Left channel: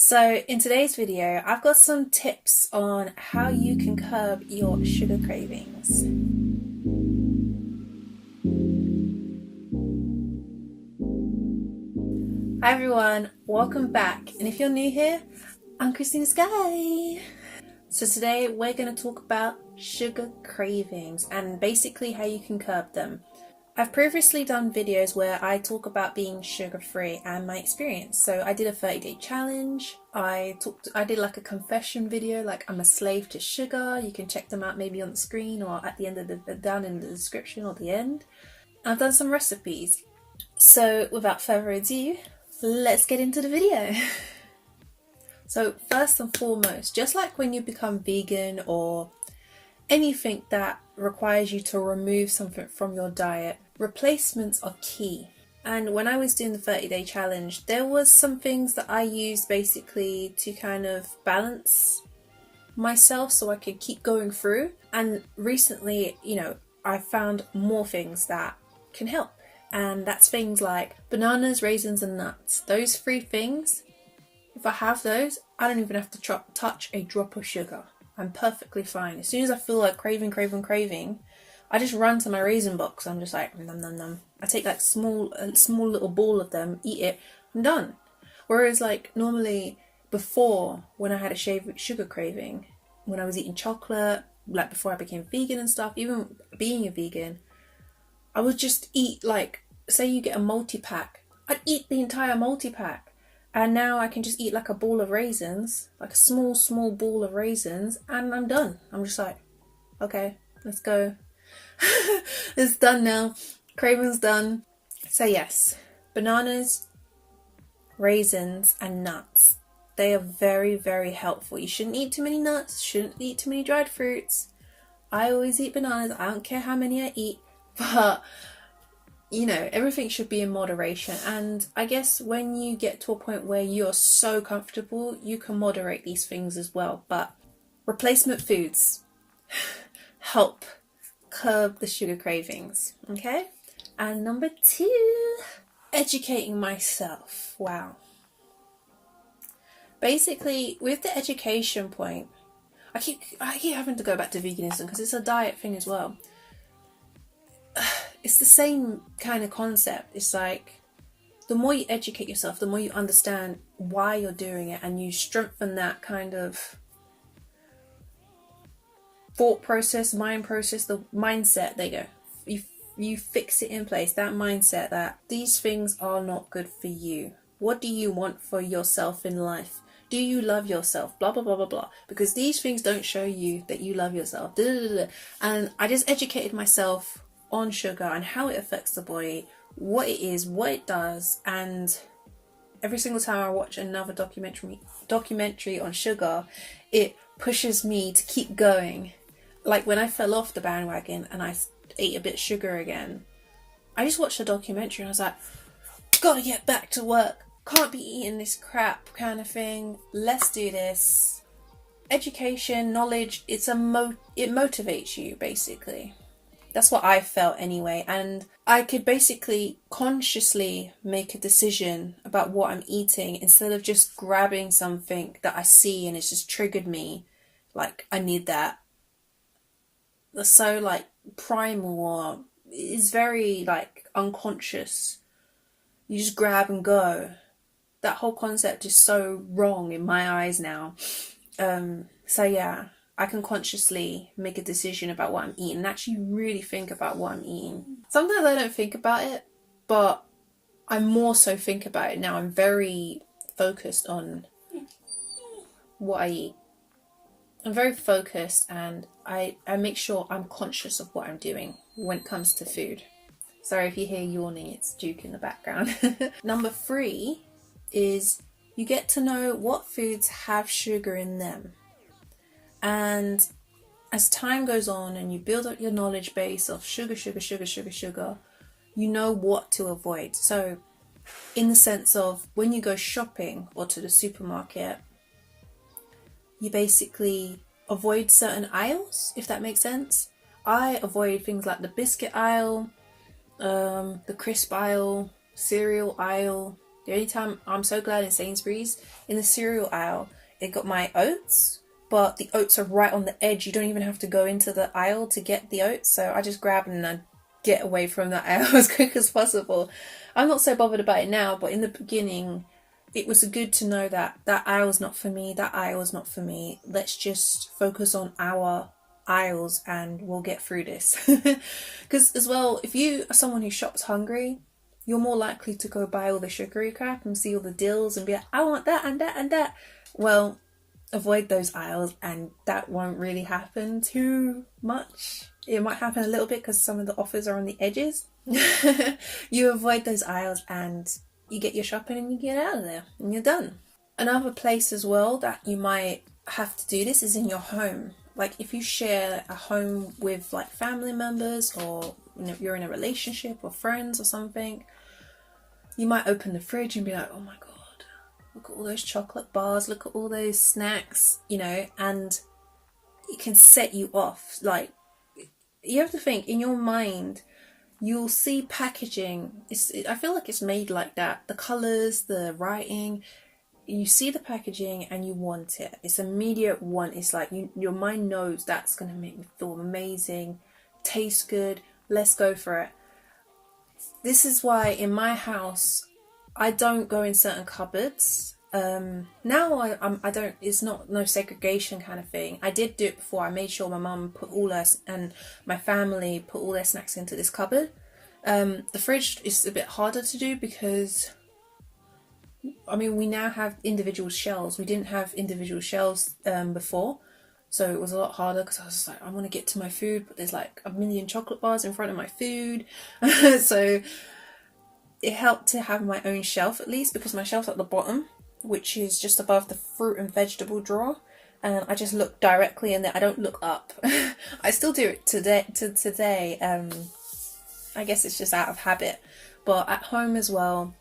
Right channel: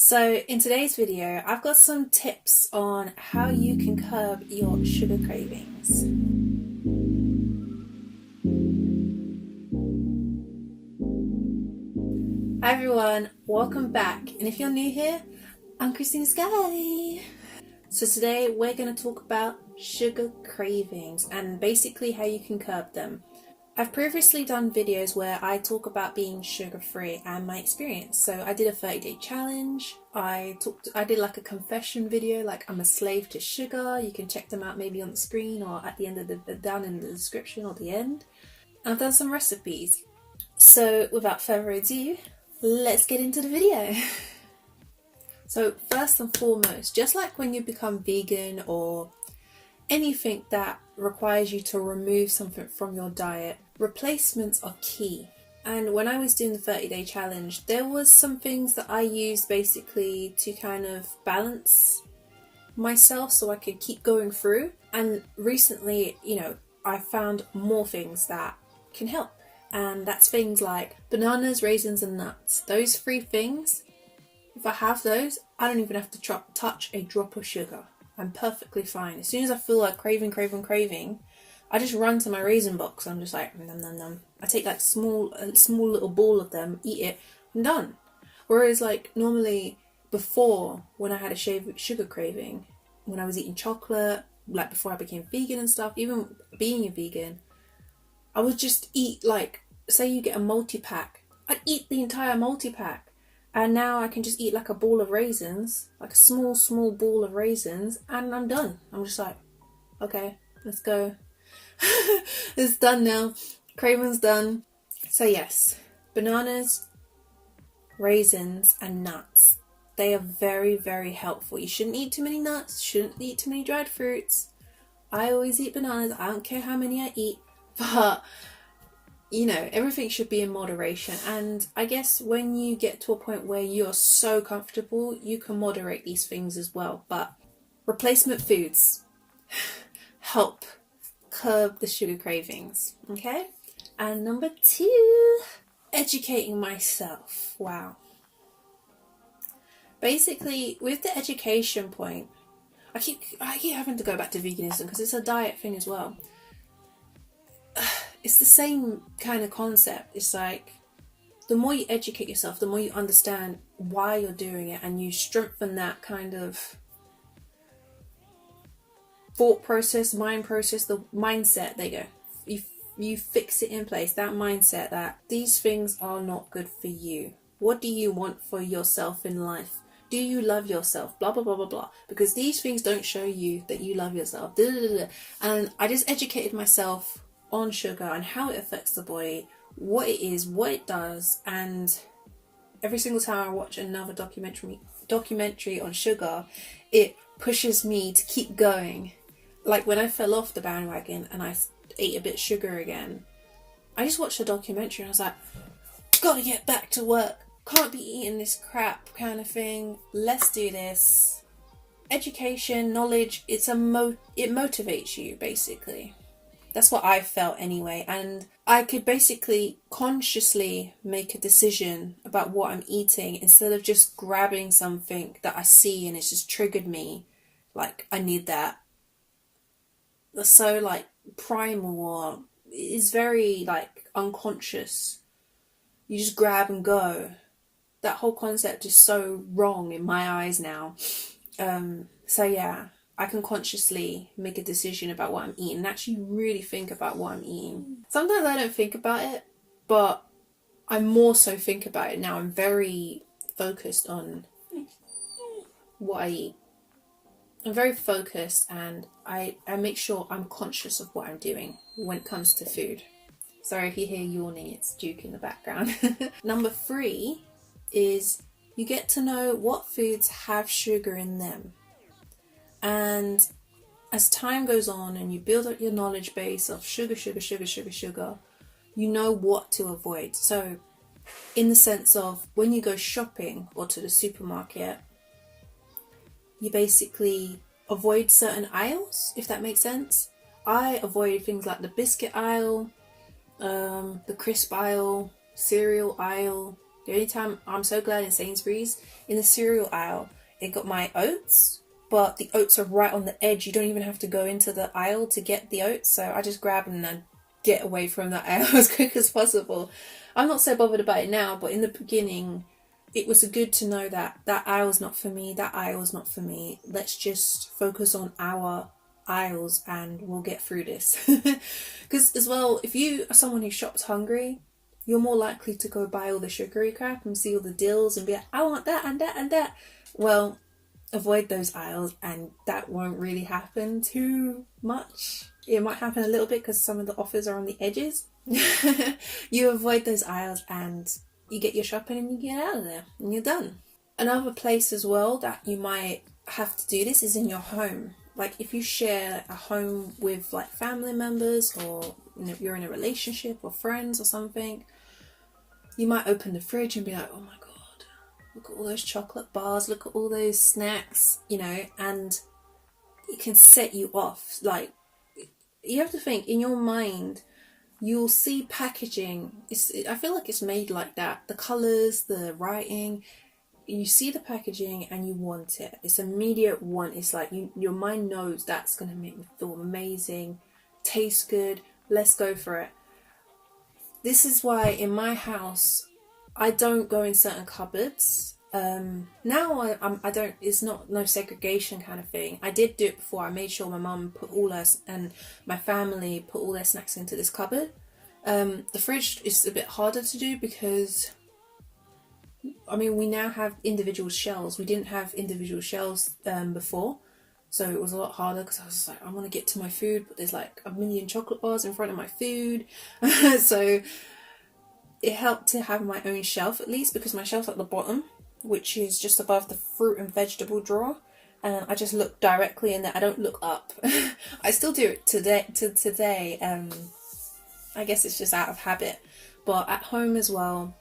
So in today's video, I've got some tips on how you can curb your sugar cravings. Hi everyone, welcome back. And if you're new here, I'm Christinasky. So today we're going to talk about sugar cravings and basically how you can curb them. I've previously done videos where I talk about being sugar-free and my experience. So I did a 30-day challenge. I did like a confession video, like I'm a slave to sugar. You can check them out maybe on the screen or at the end of down in the description or the end. I've done some recipes. So without further ado, let's get into the video. So first and foremost, just like when you become vegan or anything that requires you to remove something from your diet, replacements are key. And when I was doing the 30-day challenge, there was some things that I used basically to kind of balance myself so I could keep going through. And recently, I found more things that can help. And that's things like bananas, raisins and nuts. Those three things, if I have those, I don't even have to touch a drop of sugar. I'm perfectly fine. As soon as I feel like craving, I just run to my raisin box. I'm just like, nom, nom, nom. I take like a small little ball of them, eat it, I'm done. Whereas like normally before, when I had a sugar craving, when I was eating chocolate, like before I became vegan and stuff, even being a vegan, I would just eat like, say you get a multi-pack, I'd eat the entire multi-pack. And now I can just eat like a ball of raisins, like a small ball of raisins, and I'm done. I'm just like, okay, let's go. It's done now. Craving's done. So yes, bananas, raisins, and nuts. They are very, very helpful. You shouldn't eat too many nuts, shouldn't eat too many dried fruits. I always eat bananas. I don't care how many I eat, but everything should be in moderation. And I guess when you get to a point where you're so comfortable, you can moderate these things as well. But replacement foods help curb the sugar cravings, okay? And number 2, educating myself. Wow. Basically, with the education point, I keep having to go back to veganism because it's a diet thing as well. It's the same kind of concept. It's like the more you educate yourself, the more you understand why you're doing it, and you strengthen that kind of thought process, mind process, the mindset. There you go. You fix it in place, that mindset that these things are not good for you. What do you want for yourself in life? Do you love yourself? Blah, blah, blah, blah, blah. Because these things don't show you that you love yourself. Da, da, da, da. And I just educated myself on sugar and how it affects the body, what it is, what it does. And every single time I watch another documentary on sugar, it pushes me to keep going. Like when I fell off the bandwagon and I ate a bit of sugar again, I just watched a documentary and I was like, gotta get back to work, can't be eating this crap kind of thing, let's do this. Education, knowledge, it motivates you basically. That's what I felt anyway, and I could basically consciously make a decision about what I'm eating instead of just grabbing something that I see and it's just triggered me, like I need that. That's so like primal, or is very like unconscious. You just grab and go. That whole concept is so wrong in my eyes now. So yeah, I can consciously make a decision about what I'm eating and actually really think about what I'm eating. Sometimes I don't think about it, but I more so think about it now. I'm very focused on what I eat. I'm very focused, and I make sure I'm conscious of what I'm doing when it comes to food. Sorry if you hear yawning, it's Duke in the background. Number 3 is you get to know what foods have sugar in them. And as time goes on and you build up your knowledge base of sugar, you know what to avoid. So in the sense of when you go shopping or to the supermarket, you basically avoid certain aisles, if that makes sense. I avoid things like the biscuit aisle, the crisp aisle, cereal aisle, The only time I'm so glad in Sainsbury's, in the cereal aisle, it got my oats, but the oats are right on the edge. You don't even have to go into the aisle to get the oats. So I just grab them and I get away from that aisle as quick as possible. I'm not so bothered about it now, but in the beginning, it was good to know that that aisle's not for me, that aisle's not for me. Let's just focus on our aisles and we'll get through this. Because as well, if you are someone who shops hungry, you're more likely to go buy all the sugary crap and see all the deals and be like, I want that and that and that. Well, avoid those aisles and that won't really happen too much. It might happen a little bit because some of the offers are on the edges. You avoid those aisles and you get your shopping and you get out of there and you're done. Another place as well that you might have to do this is in your home. Like if you share a home with like family members, or you're in a relationship or friends or something, you might open the fridge and be like, oh my god, look at all those chocolate bars, look at all those snacks, and it can set you off. Like, you have to think, in your mind, you'll see packaging. I feel like it's made like that. The colours, the writing, you see the packaging and you want it. It's immediate want. It's like your mind knows that's going to make me feel amazing, taste good, let's go for it. This is why in my house, I don't go in certain cupboards. Now I don't, it's not no segregation kind of thing. I did do it before. I made sure my mum put all her, and my family put all their snacks into this cupboard. The fridge is a bit harder to do because, I mean, we now have individual shelves. We didn't have individual shelves before. So it was a lot harder because I was just like, I want to get to my food, but there's like a million chocolate bars in front of my food. So it helped to have my own shelf at least, because my shelf's at the bottom, which is just above the fruit and vegetable drawer. And I just look directly in there. I don't look up. I still do it today. I guess it's just out of habit. But at home as well,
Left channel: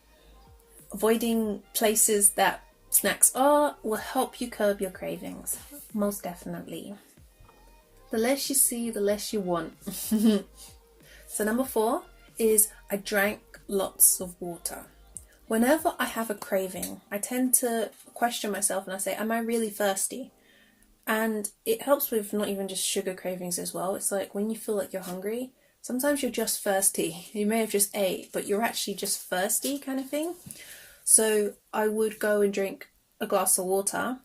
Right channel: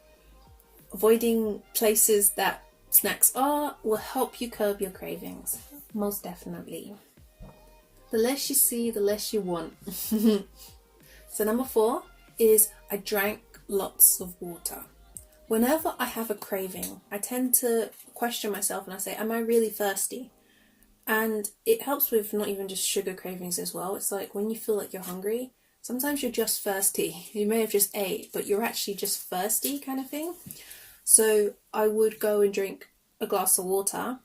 avoiding places that snacks are will help you curb your cravings. Most definitely. The less you see, the less you want. So number 4 is I drank lots of water. Whenever I have a craving, I tend to question myself and I say, am I really thirsty? And it helps with not even just sugar cravings as well. It's like when you feel like you're hungry, sometimes you're just thirsty. You may have just ate, but you're actually just thirsty kind of thing. So I would go and drink a glass of water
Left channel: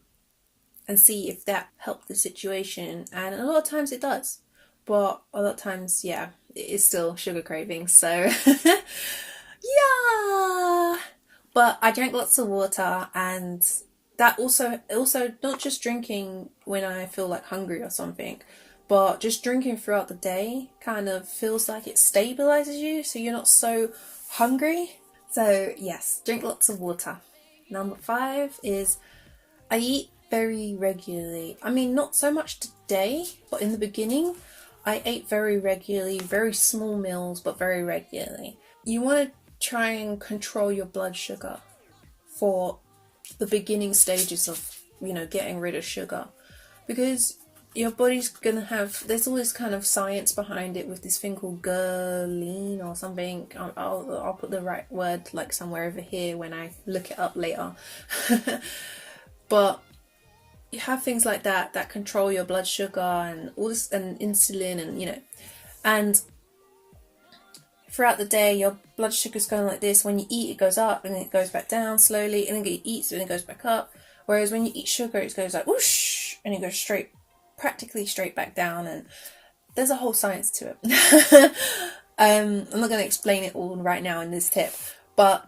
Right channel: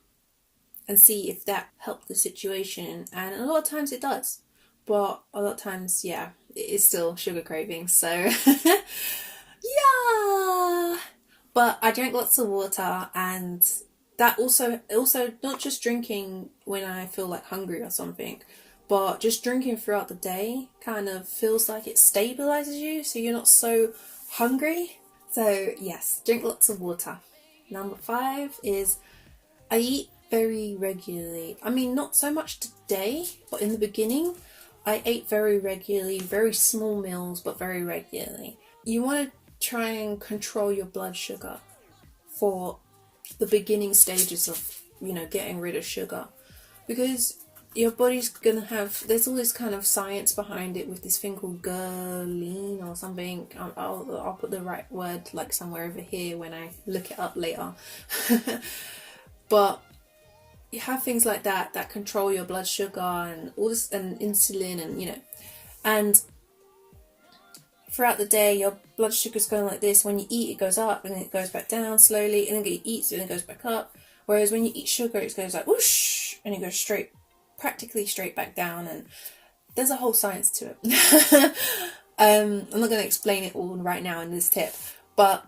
and see if that helped the situation. And a lot of times it does. But a lot of times, yeah, it is still sugar cravings. So, yeah. But I drank lots of water, and that also not just drinking when I feel like hungry or something, but just drinking throughout the day kind of feels like it stabilizes you, so you're not so hungry. So yes, drink lots of water. Number 5 is I eat very regularly. I mean, not so much today, but in the beginning, I ate very regularly, very small meals, but very regularly. You want to try and control your blood sugar for the beginning stages of, getting rid of sugar, because your body's gonna have, there's all this kind of science behind it with this thing called ghrelin or something. I'll put the right word like somewhere over here when I look it up later. But you have things like that control your blood sugar and all this, and insulin, and and throughout the day your blood sugar's going like this. When you eat, it goes up and then it goes back down slowly, and then you eat, so then it goes back up. Whereas when you eat sugar, it goes like whoosh, and it goes practically straight back down. And there's a whole science to it. I'm not going to explain it all right now in this tip, but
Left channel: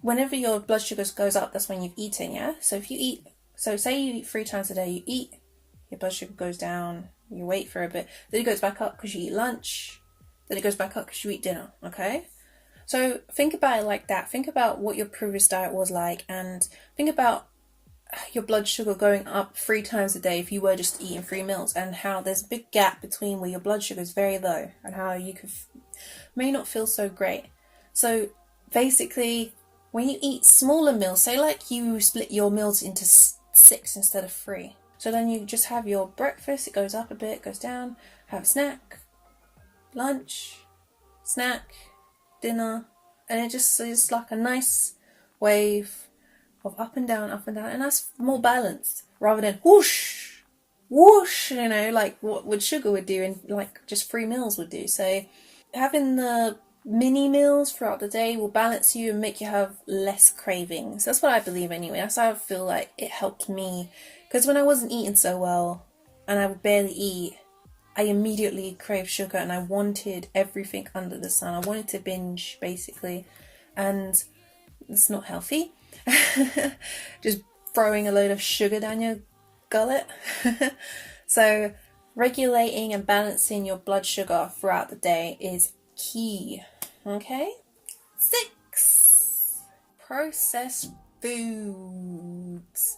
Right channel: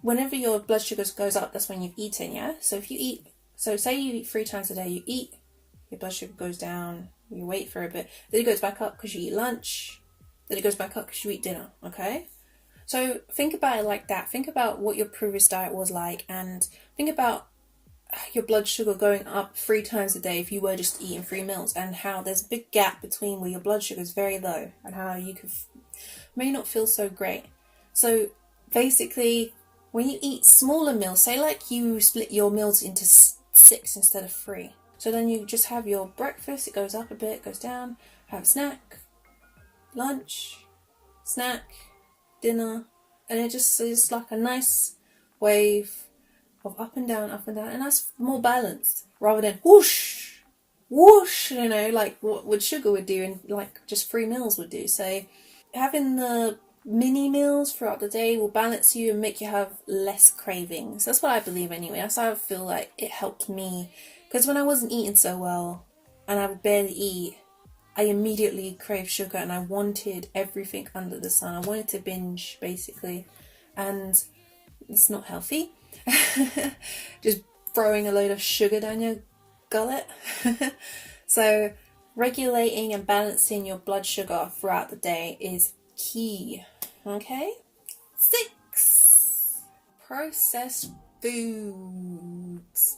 whenever your blood sugar goes up, that's when you've eaten. Yeah, so if you eat, so say you eat 3 times a day, you eat, your blood sugar goes down, you wait for a bit, then it goes back up because you eat lunch, then it goes back up because you eat dinner. Okay, so think about it like that. Think about what your previous diet was like, and think about your blood sugar going up 3 times a day if you were just eating 3 meals, and how there's a big gap between where your blood sugar is very low and how you may not feel so great. So basically, when you eat smaller meals, say like you split your meals into 6 instead of 3, so then you just have your breakfast, it goes up a bit, goes down, have a snack, lunch, snack, dinner, and it's like a nice wave of up and down, and that's more balanced rather than whoosh, whoosh, you know, like what sugar would do and like just 3 meals would do. So having the mini meals throughout the day will balance you and make you have less cravings. That's what I believe anyway. That's how I feel like it helped me. Because when I wasn't eating so well and I would barely eat, I immediately craved sugar and I wanted everything under the sun. I wanted to binge basically, and it's not healthy. Just throwing a load of sugar down your gullet. So regulating and balancing your blood sugar throughout the day is key. Okay? 6. Processed foods.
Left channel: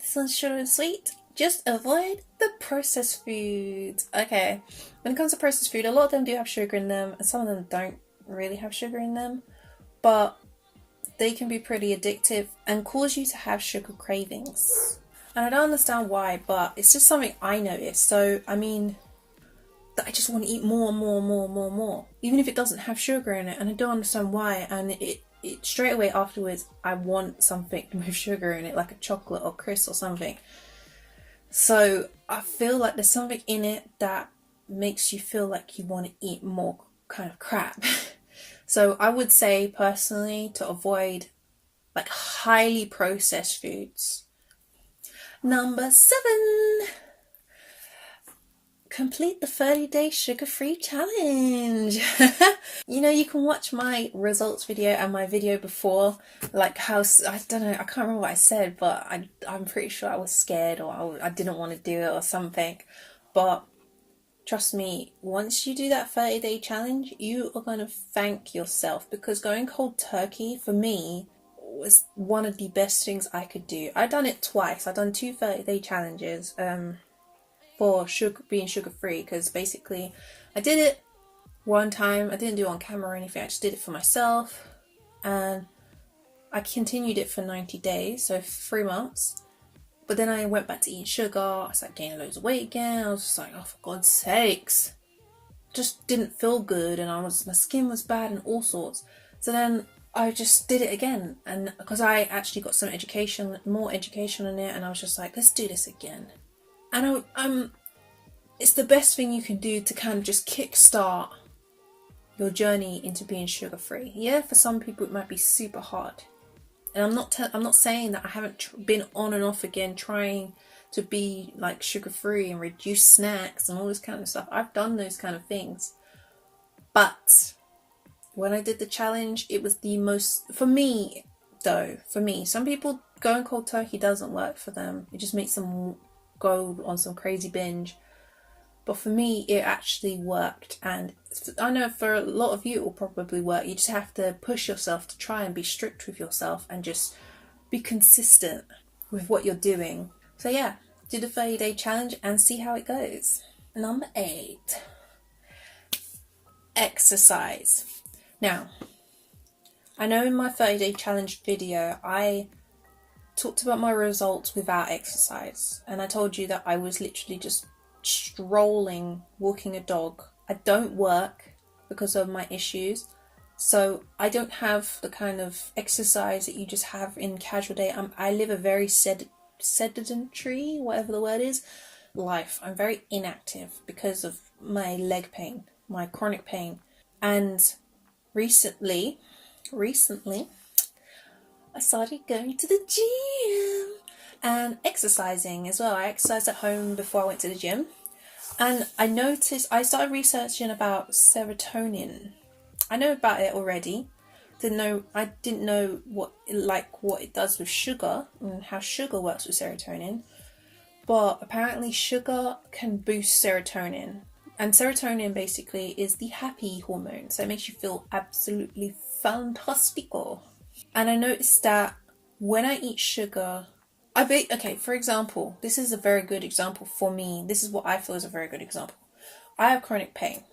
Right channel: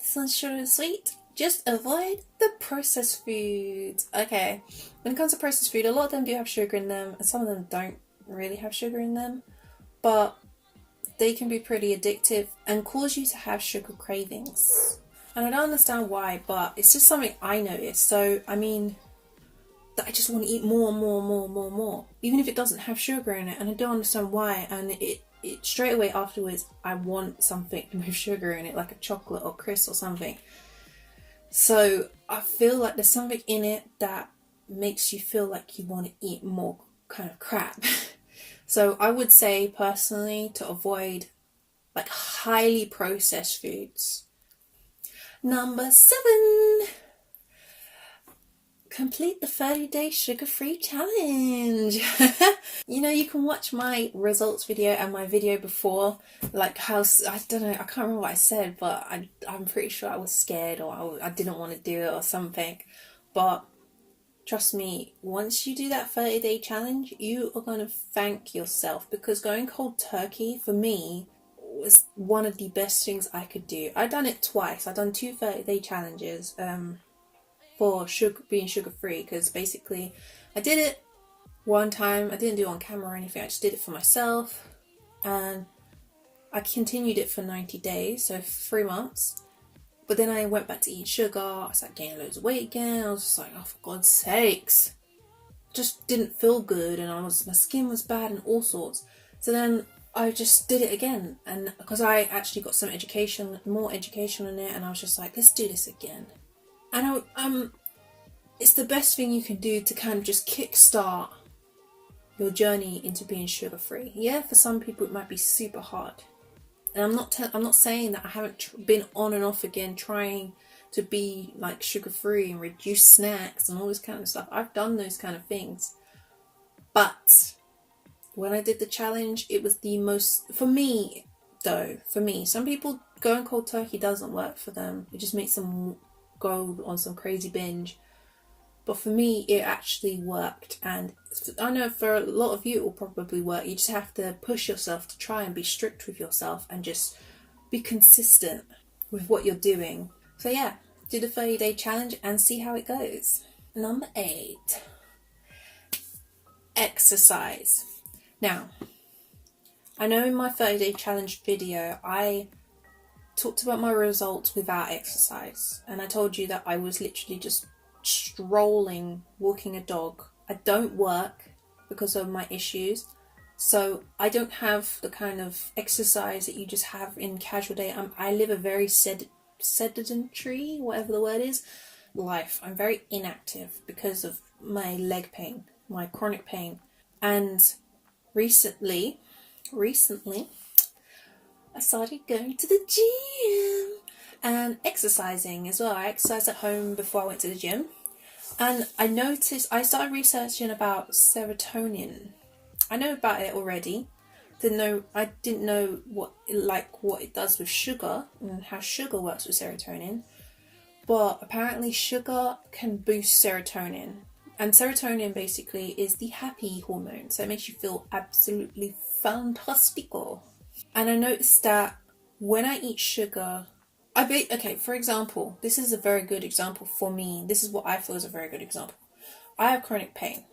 This one's short and sweet. Just avoid the processed foods. Okay, when it comes to processed food, a lot of them do have sugar in them, and some of them don't really have sugar in them, but they can be pretty addictive and cause you to have sugar cravings. And I don't understand why, but it's just something I noticed. So, I mean, that I just want to eat more and more and more and more and more, even if it doesn't have sugar in it, and I don't understand why. And it straight away afterwards, I want something with sugar in it, like a chocolate or crisp or something. So I feel like there's something in it that makes you feel like you want to eat more kind of crap. So I would say personally to avoid like highly processed foods. Number 7. Complete the 30-day sugar-free challenge. You know, you can watch my results video and my video before, like how, I don't know, I can't remember what I said, but I'm pretty sure I was scared or I didn't want to do it or something. But trust me, once you do that 30-day challenge, you are going to thank yourself, because going cold turkey for me was one of the best things I could do. I've done it twice. I've done 2 30-day challenges, for being sugar free, because basically I did it one time. I didn't do it on camera or anything. I just did it for myself, and I continued it for 90 days, so 3 months. But then I went back to eating sugar. I started gaining loads of weight again. I was just like, oh, for God's sakes, just didn't feel good, and my skin was bad and all sorts. So then I just did it again, and because I actually got some more education on it, and I was just like, let's do this again. And it's the best thing you can do to kind of just kickstart your journey into being sugar-free. Yeah, for some people it might be super hard. And I'm not saying that I haven't been on and off again trying to be like sugar-free and reduce snacks and all this kind of stuff. I've done those kind of things. But when I did the challenge, it was the most, for me, some people going cold turkey doesn't work for them. It just makes them go on some crazy binge. But for me, it actually worked, and I know for a lot of you it will probably work. You just have to push yourself to try and be strict with yourself and just be consistent with what you're doing. So yeah, do the 30-day challenge and see how it goes. Number 8, exercise. Now, I know in my 30-day challenge video, I talked about my results without exercise, and I told you that I was literally just strolling, walking a dog. I don't work because of my issues, so I don't have the kind of exercise that you just have in casual day. I live a very sedentary, whatever the word is, life. I'm very inactive because of my leg pain, my chronic pain. And recently I started going to the gym and exercising as well. I exercised at home before I went to the gym, and I started researching about serotonin. I know about it already. I didn't know what it does with sugar and how sugar works with serotonin. But apparently sugar can boost serotonin. And serotonin basically is the happy hormone. So it makes you feel absolutely fantastico. And I noticed that when I eat sugar, for example, this is a very good example for me. This is what I feel is a very good example. I have chronic pain.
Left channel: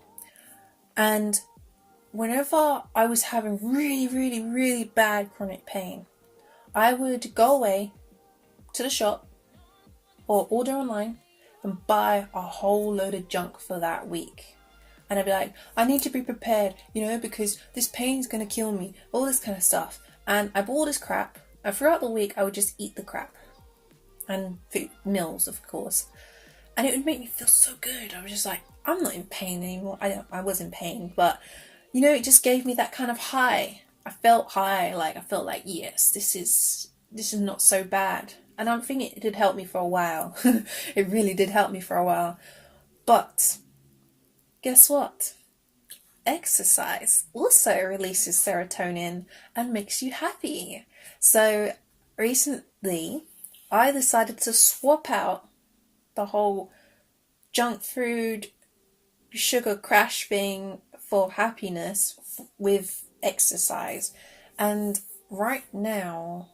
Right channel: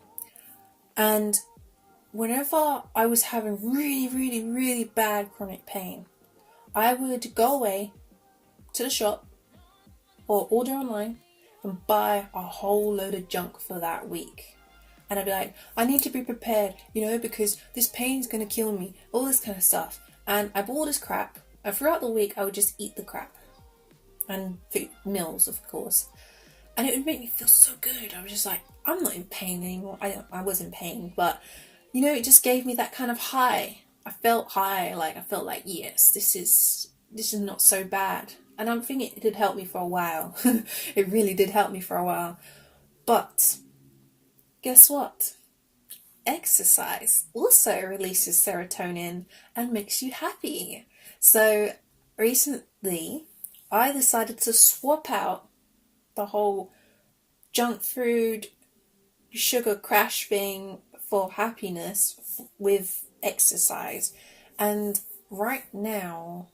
And whenever I was having really, really, really bad chronic pain, I would go away to the shop or order online and buy a whole load of junk for that week. And I'd be like, I need to be prepared, because this pain's going to kill me, all this kind of stuff. And I bought all this crap, and throughout the week I would just eat the crap. And food, meals, of course. And it would make me feel so good. I was just like, I'm not in pain anymore. I was in pain, but you know, it just gave me that kind of high. I felt high, like I felt like, yes, this is not so bad. And I'm thinking it did help me for a while. It really did help me for a while. But guess what? Exercise also releases serotonin and makes you happy. So recently I decided to swap out the whole junk food, sugar crash thing for happiness with exercise. And right now,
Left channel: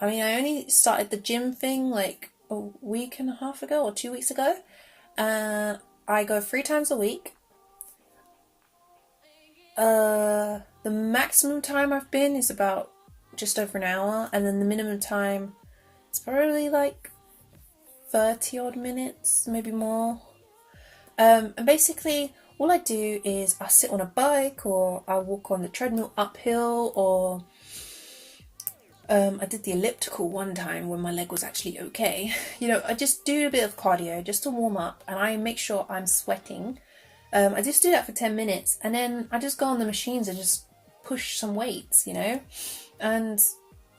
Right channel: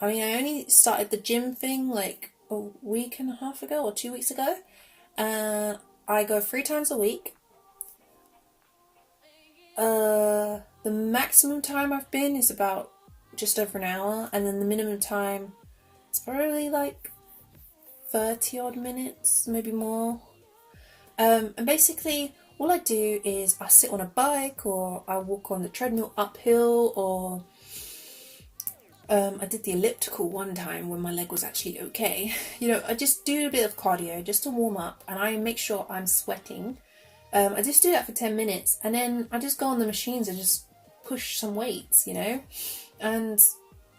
I mean, I only started the gym thing like a week and a half ago or 2 weeks ago. And I go 3 times a week. The maximum time I've been is about just over an hour. And then the minimum time is probably like 30 odd minutes, maybe more. And basically all I do is I sit on a bike, or I walk on the treadmill uphill, or I did the elliptical one time when my leg was actually okay. You know, I just do a bit of cardio just to warm up, and I make sure I'm sweating. I just do that for 10 minutes, and then I just go on the machines and just push some weights, you know. And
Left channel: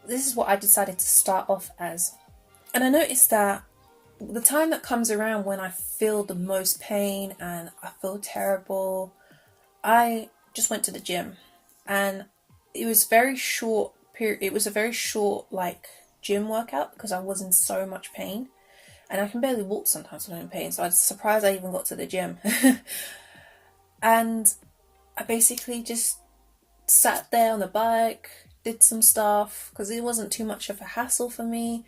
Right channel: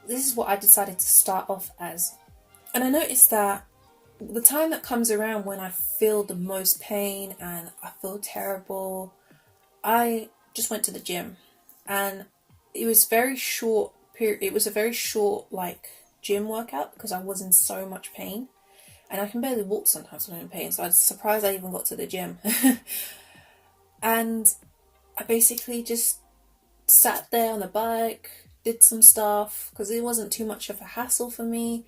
this is what I decided to start off as. And I noticed that the time that comes around when I feel the most pain and I feel terrible, I just went to the gym. And it was very short period. It was a very short like gym workout because I was in so much pain, and I can barely walk sometimes when I'm in pain. So I was surprised I even got to the gym. And I basically just sat there on the bike, did some stuff because it wasn't too much of a hassle for me.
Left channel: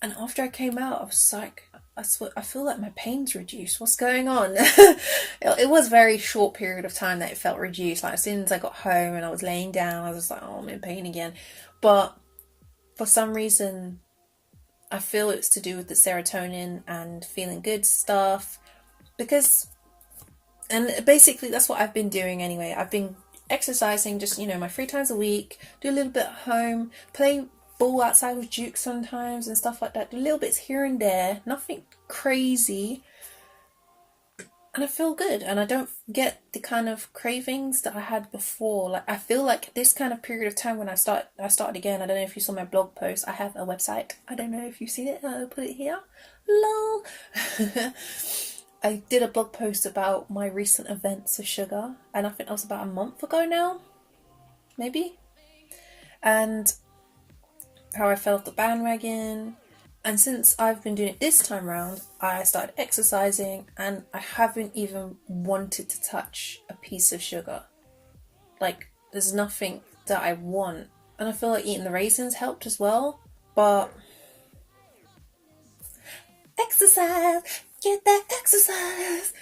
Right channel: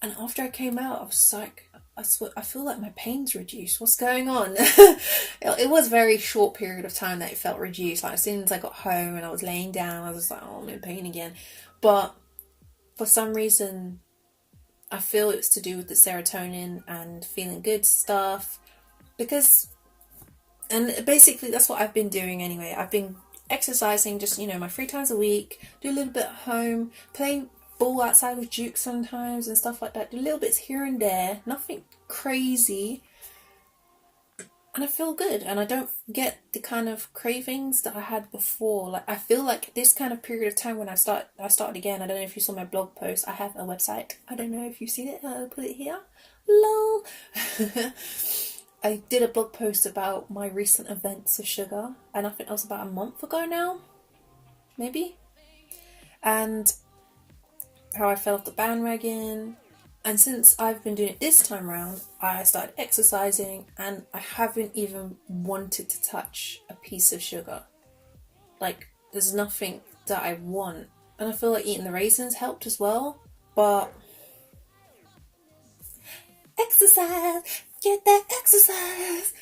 And after I came out, I was like, I feel like my pain's reduced. What's going on? It was a very short period of time that it felt reduced. Like as soon as I got home and I was laying down, I was just like, oh, I'm in pain again. But for some reason, I feel it's to do with the serotonin and feeling good stuff. And basically that's what I've been doing anyway. I've been exercising just, you know, my 3 times a week, do a little bit at home, play ball outside with Duke sometimes and stuff like that, do little bits here and there, nothing crazy, and I feel good, and I don't get the kind of cravings that I had before. Like I feel like this kind of period of time when I started again. I don't know if you saw my blog post. I have a website. I don't know if you've seen it. I'll put it here. Lol. I did a blog post about my recent events of sugar, and I think that was about a month ago now, maybe, and how I fell off the bandwagon. And since I've been doing it this time round, I started exercising, and I haven't even wanted to touch a piece of sugar. Like, there's nothing that I want. And I feel like eating the raisins helped as well. But exercise, get that exercise.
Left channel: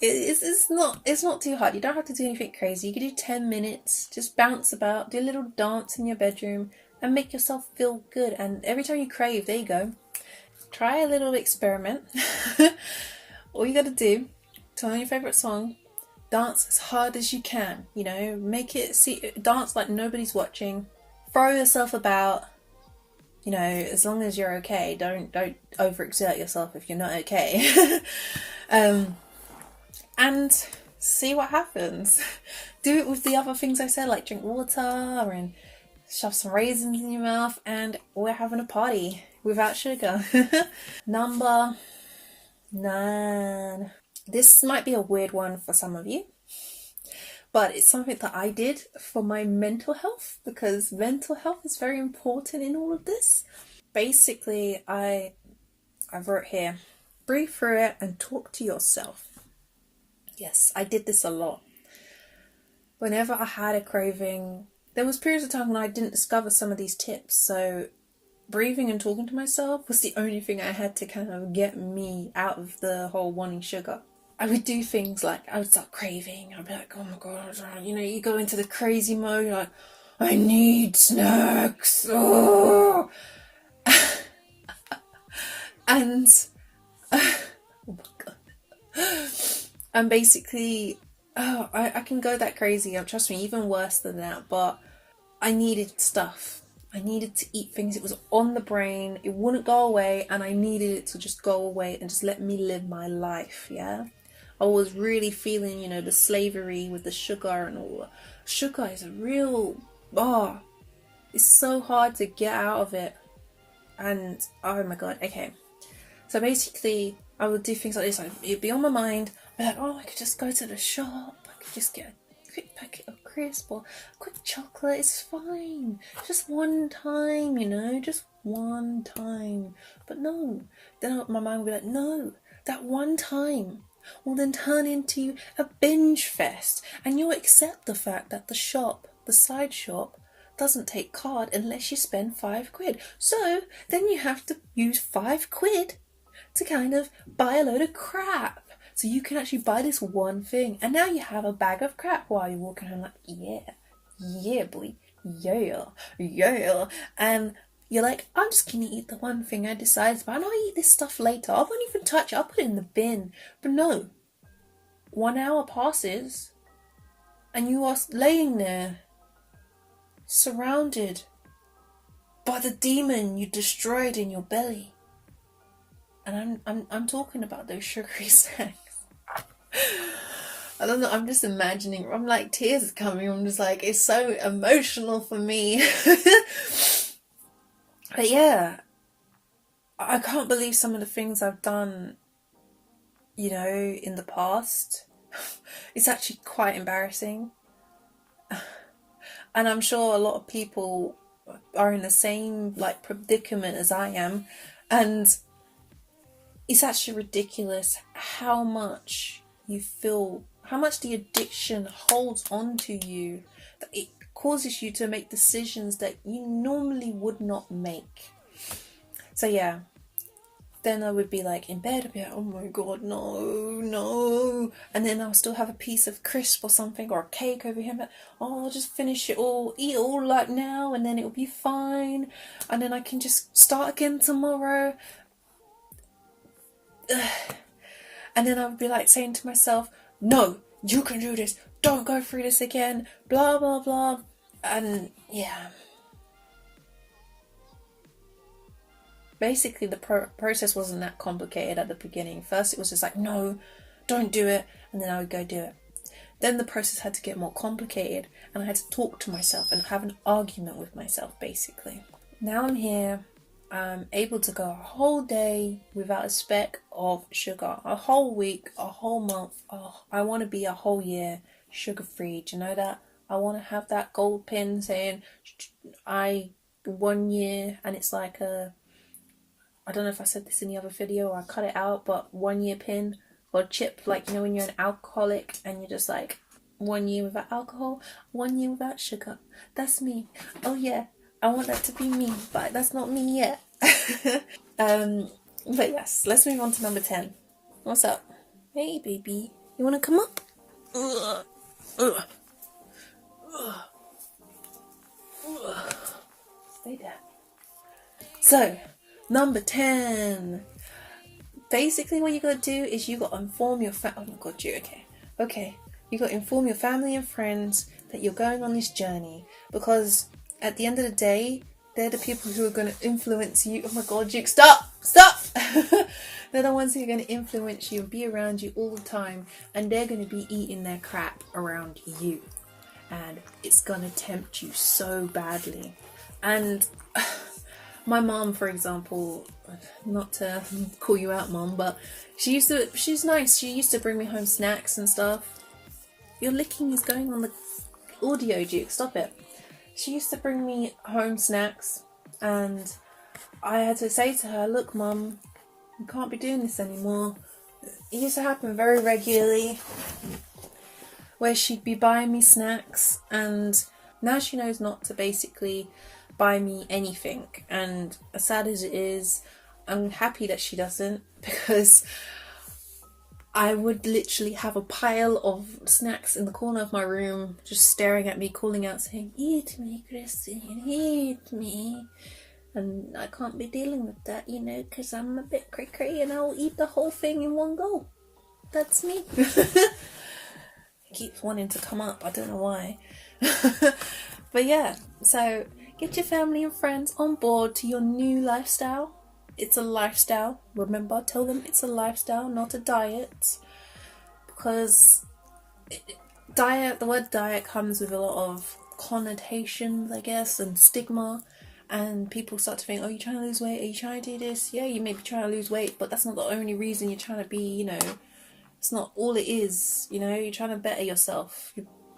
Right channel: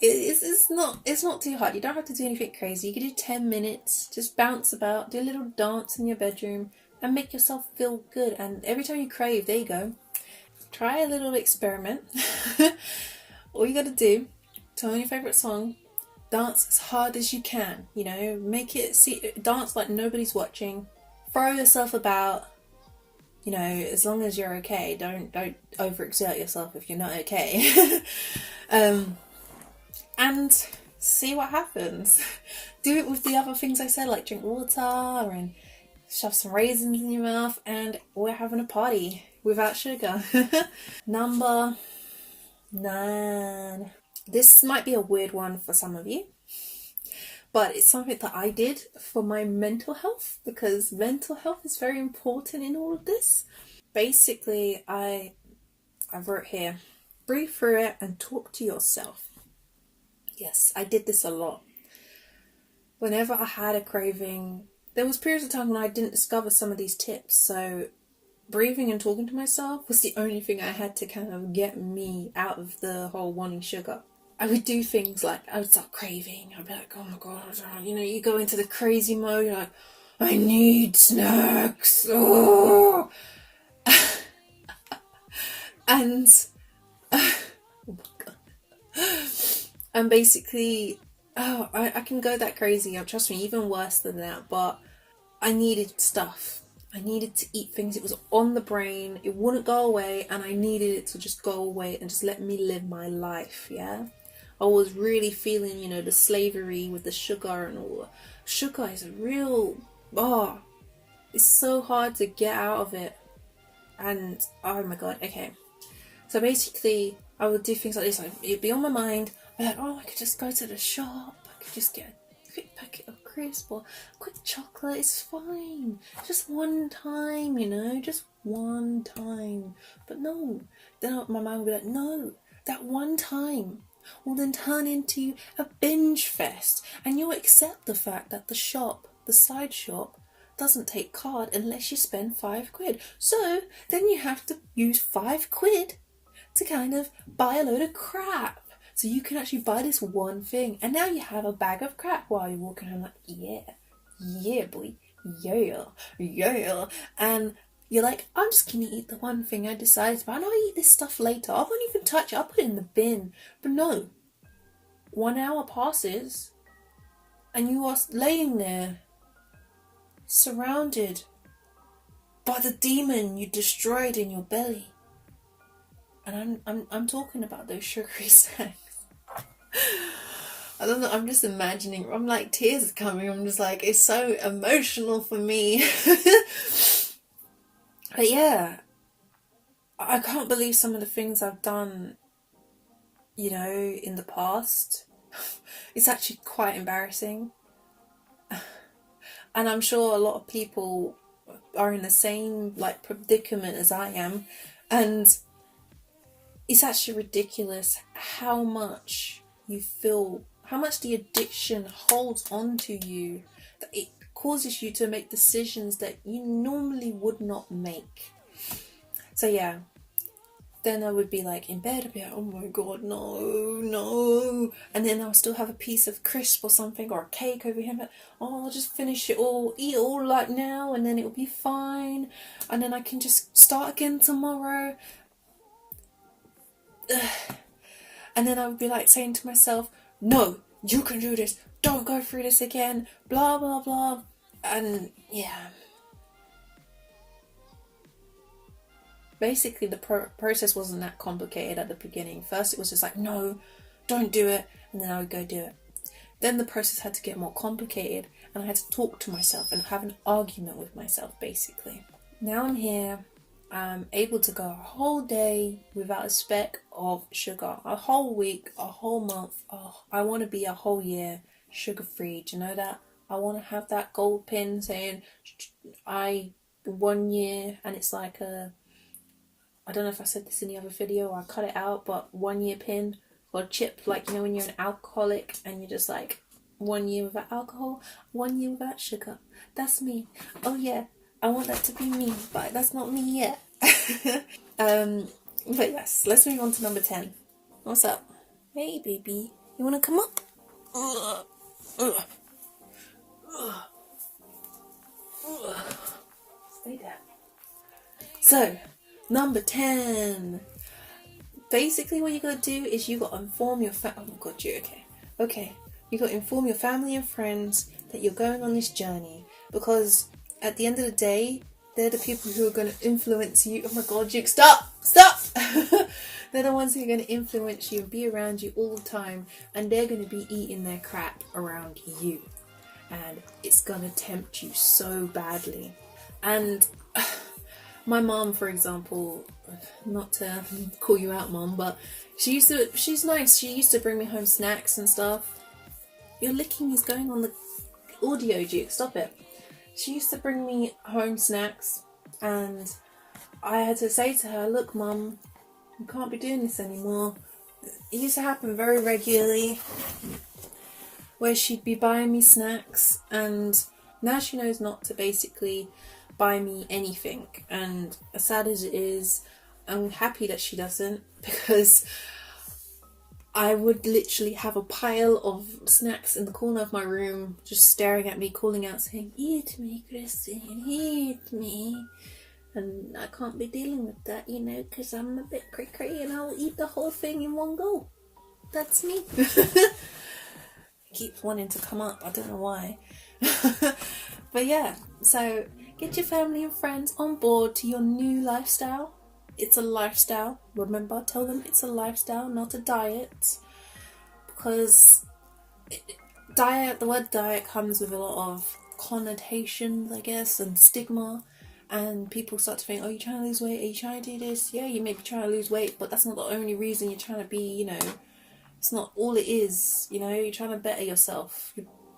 It's not too hard. You don't have to do anything crazy. You can do 10 minutes, just bounce about, do a little dance in your bedroom, and make yourself feel good. And every time you crave, there you go. Try a little experiment. All you gotta do, turn on your favourite song, dance as hard as you can, you know, dance like nobody's watching, throw yourself about, you know, as long as you're okay. Don't overexert yourself if you're not okay. And see what happens. Do it with the other things I said, like drink water and shove some raisins in your mouth, and we're having a party without sugar. Number 9. This might be a weird one for some of you, but it's something that I did for my mental health, because mental health is very important in all of this. Basically, I wrote here, breathe through it and talk to yourself. Yes, I did this a lot. Whenever I had a craving, there was periods of time when I didn't discover some of these tips. So breathing and talking to myself was the only thing I had to kind of get me out of the whole wanting sugar. I would do things like, I would start craving. I'd be like, oh my God, you know, you go into the crazy mode, you're like, I need snacks. Oh. And oh my God. And basically Oh, I can go that crazy. Trust me, even worse than that. But I needed stuff. I needed to eat things. It was on the brain. It wouldn't go away, and I needed it to just go away and just let me live my life. Yeah, I was really feeling, the slavery with the sugar and all. Sugar is a real it's so hard to get out of it. And oh my god, okay. So basically, I would do things like this. It'd be on my mind. I'd be like, oh, I could just go to the shop. I could just get a quick packet of crisp or a quick chocolate. It's fine. Just one time, just one time. But no. Then my mind would be like, no, that one time will then turn into a binge fest. And you'll accept the fact that the shop, the side shop, doesn't take card unless you spend £5. So then you have to use £5 to kind of buy a load of crap. So you can actually buy this one thing. And now you have a bag of crap while you're walking home like, yeah, boy, yeah. And you're like, I'm just going to eat the one thing I decided to buy. And I'll eat this stuff later. I won't even touch it. I'll put it in the bin. But no. 1 hour passes and you are laying there surrounded by the demon you destroyed in your belly. And I'm talking about those sugary snacks. I don't know, I'm just imagining, I'm like, tears are coming. I'm just like, it's so emotional for me. But yeah, I can't believe some of the things I've done, in the past. It's actually quite embarrassing. And I'm sure a lot of people are in the same predicament as I am. And it's actually ridiculous how much you feel, how much the addiction holds on to you, that it causes you to make decisions that you normally would not make. So yeah, then I would be like in bed, I'd be like, oh my god, no. And then I'll still have a piece of crisp or something, or a cake over here, but I'll just finish it all, eat it all now, and then it'll be fine. And then I can just start again tomorrow. And then I would be like saying to myself, no, you can do this, don't go through this again, blah blah blah. And yeah, basically the process wasn't that complicated at the beginning. First it was just like, no, don't do it, and then I would go do it. Then the process had to get more complicated, and I had to talk to myself and have an argument with myself, basically. Now I'm here. I'm able to go a whole day without a speck of sugar, a whole week, a whole month. Oh, I want to be a whole year sugar-free. Do you know that? I want to have that gold pin saying 1 year, and it's like I don't know if I said this in the other video or I cut it out, but 1 year pin or chip, when you're an alcoholic and you're just like 1 year without alcohol, 1 year without sugar. That's me. Oh yeah, I want that to be me, but that's not me yet. But yes, let's move on to number 10. What's up? Hey baby, you wanna come up? Stay there. So, number 10. Basically what you gotta do is you gotta inform your okay. You gotta inform your family and friends that you're going on this journey, because at the end of the day, they're the people who are going to influence you. Oh my god, Duke, stop! They're the ones who are going to influence you and be around you all the time, and they're going to be eating their crap around you, and it's going to tempt you so badly. And my mom, for example, not to call you out, mom, but she's nice. She used to bring me home snacks and stuff. Your licking is going on the audio, Duke, stop it. She used to bring me home snacks, and I had to say to her, look mum, you can't be doing this anymore. It used to happen very regularly, where she'd be buying me snacks, and now she knows not to basically buy me anything. And as sad as it is, I'm happy that she doesn't, because I would literally have a pile of snacks in the corner of my room, just staring at me, calling out, saying, eat me, Christine, eat me. And I can't be dealing with that, because I'm a bit cray-cray and I'll eat the whole thing in one go. That's me. keeps wanting to come up. I don't know why. But yeah, so get your family and friends on board to your new lifestyle. It's a lifestyle. Remember, tell them it's a lifestyle, not a diet. Because the word diet comes with a lot of connotations, I guess, and stigma. And people start to think, oh, you're trying to lose weight? Are you trying to do this? Yeah, you may be trying to lose weight, but that's not the only reason you're trying to be, it's not all it is, you're trying to better yourself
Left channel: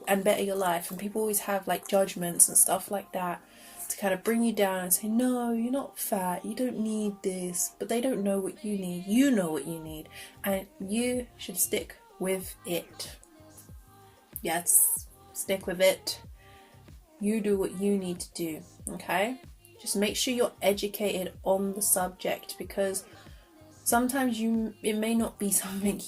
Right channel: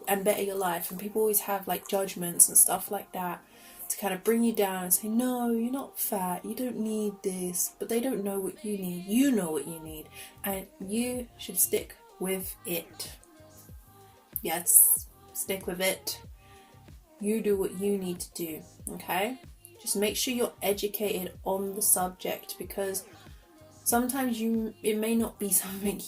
and better your life. And people always have like judgments and stuff like that to kind of bring you down and say, no, you're not fat, you don't need this. But they don't know what you need. You know what you need, and you should stick with it. Yes, stick with it. You do what you need to do, okay? Just make sure you're educated on the subject, because sometimes it may not be something.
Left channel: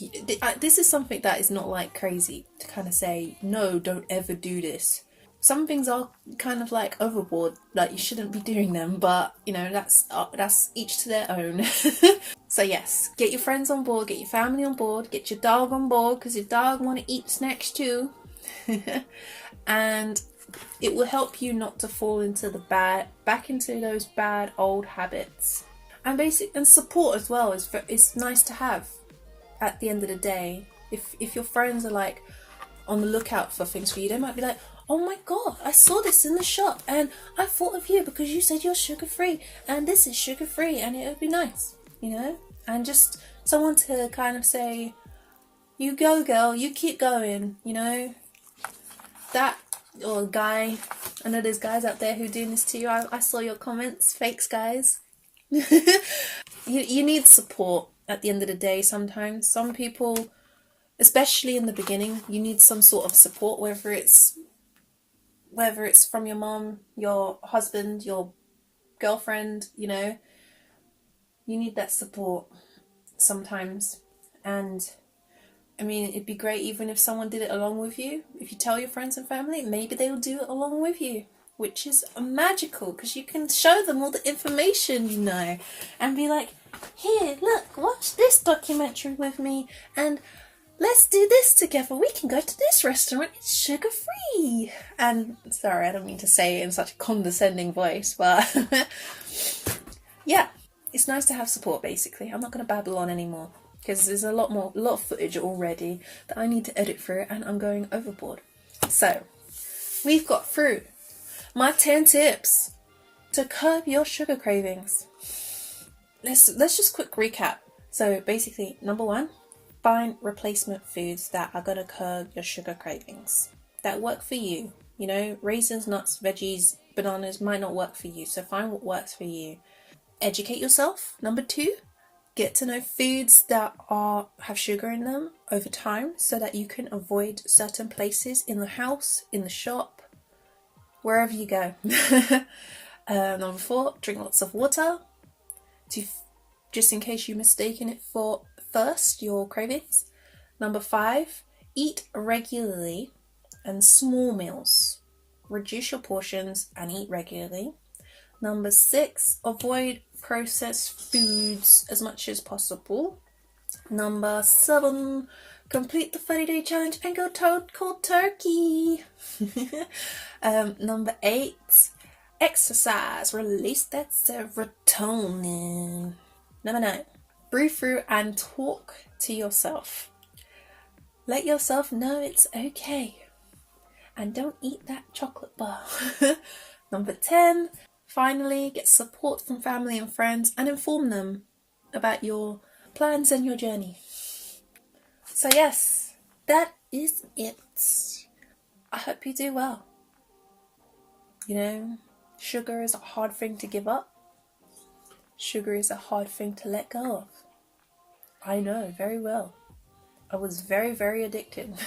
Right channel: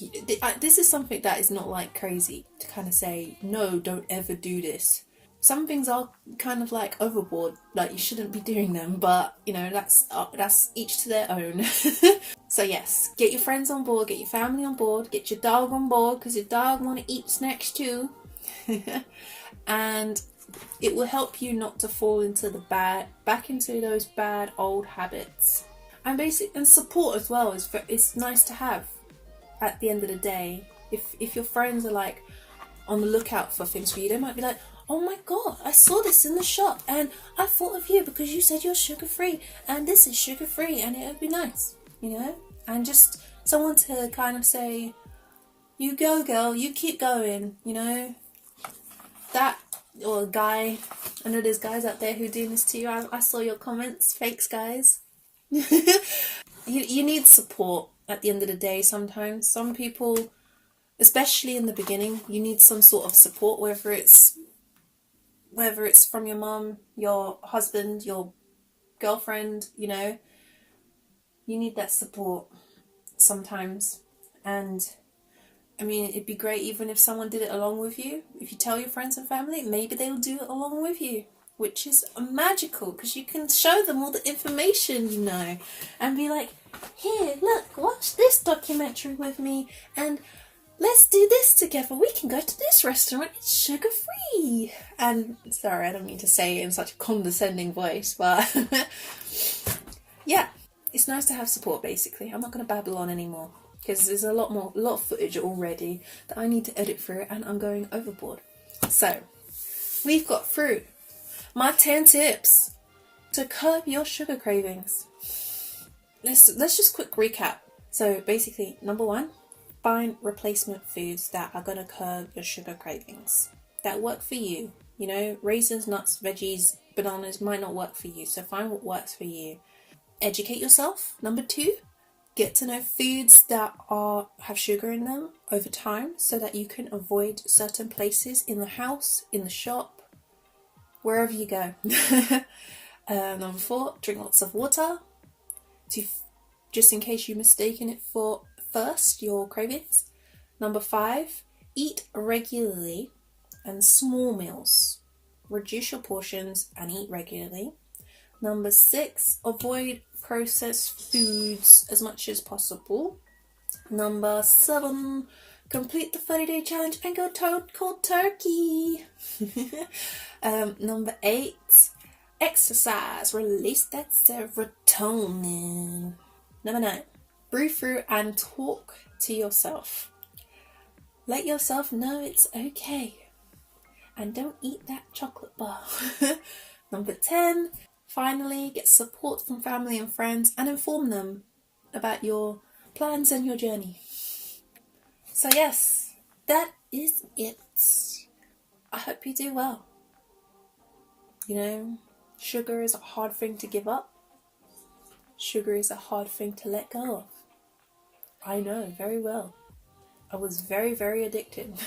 This is something that is not like crazy to kind of say, no, don't ever do this. Some things are kind of like overboard, like you shouldn't be doing them, but that's each to their own. So yes, get your friends on board, get your family on board, get your dog on board, because your dog want to eat snacks too. And it will help you not to fall into back into those bad old habits. And support as well is nice to have at the end of the day. If your friends are like on the lookout for things for you, they might be like, oh my god, I saw this in the shop and I thought of you because you said you're sugar free and this is sugar free, and it would be nice, and just someone to kind of say, you go girl, you keep going, that. Or guy, I know there's guys out there who do this to you. I saw your comments, fakes guys. You need support at the end of the day. Sometimes some people, especially in the beginning, you need some sort of support, whether it's from your mom, your husband, your girlfriend, you need that support sometimes. And I mean, it'd be great even if someone did it along with you. If you tell your friends and family, maybe they'll do it along with you, which is magical, because you can show them all the information, and be like, here, look, watch this documentary with me, and let's do this together. We can go to this restaurant. It's sugar-free. And sorry, I don't mean to say it in such a condescending voice, but yeah, it's nice to have support, basically. I'm not going to babble on anymore, because there's a lot of footage already that I need to edit through, and I'm going overboard. So, we've got through my 10 tips to curb your sugar cravings. Let's just quick recap. So basically, number 1, find replacement foods that are going to curb your sugar cravings, that work for you. Raisins, nuts, veggies, bananas might not work for you, so find what works for you. Educate yourself. Number 2, get to know foods that have sugar in them over time, so that you can avoid certain places in the house, in the shop, wherever you go. Number 4, drink lots of water, just in case you're mistaken it for thirst, your cravings. Number 5, eat regularly and small meals. Reduce your portions and eat regularly. Number 6, avoid processed foods as much as possible. Number 7, complete the 30-day challenge and go cold turkey. Number 8, exercise, release that serotonin. Number 9, breathe through and talk to yourself. Let yourself know it's okay, and don't eat that chocolate bar. Number 10, finally, get support from family and friends and inform them about your plans and your journey. So yes, that is it. I hope you do well. Sugar is a hard thing to give up. Sugar is a hard thing to let go of. I know very well. I was very, very addicted.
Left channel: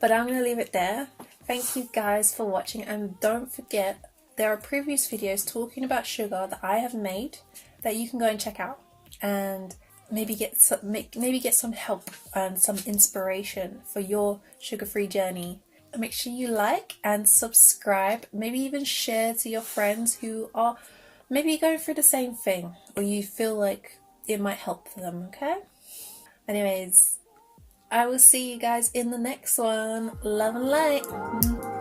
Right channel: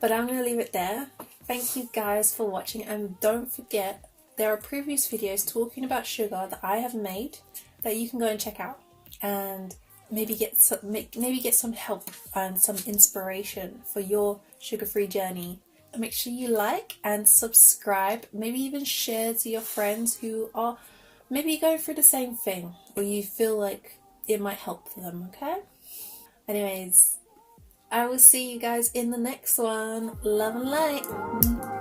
But I'm going to leave it there. Thank you guys for watching, and don't forget, there are previous videos talking about sugar that I have made that you can go and check out, and maybe get some help and some inspiration for your sugar-free journey. Make sure you like and subscribe, maybe even share to your friends who are maybe going through the same thing, or you feel like it might help them, okay? Anyways, I will see you guys in the next one. Love and light.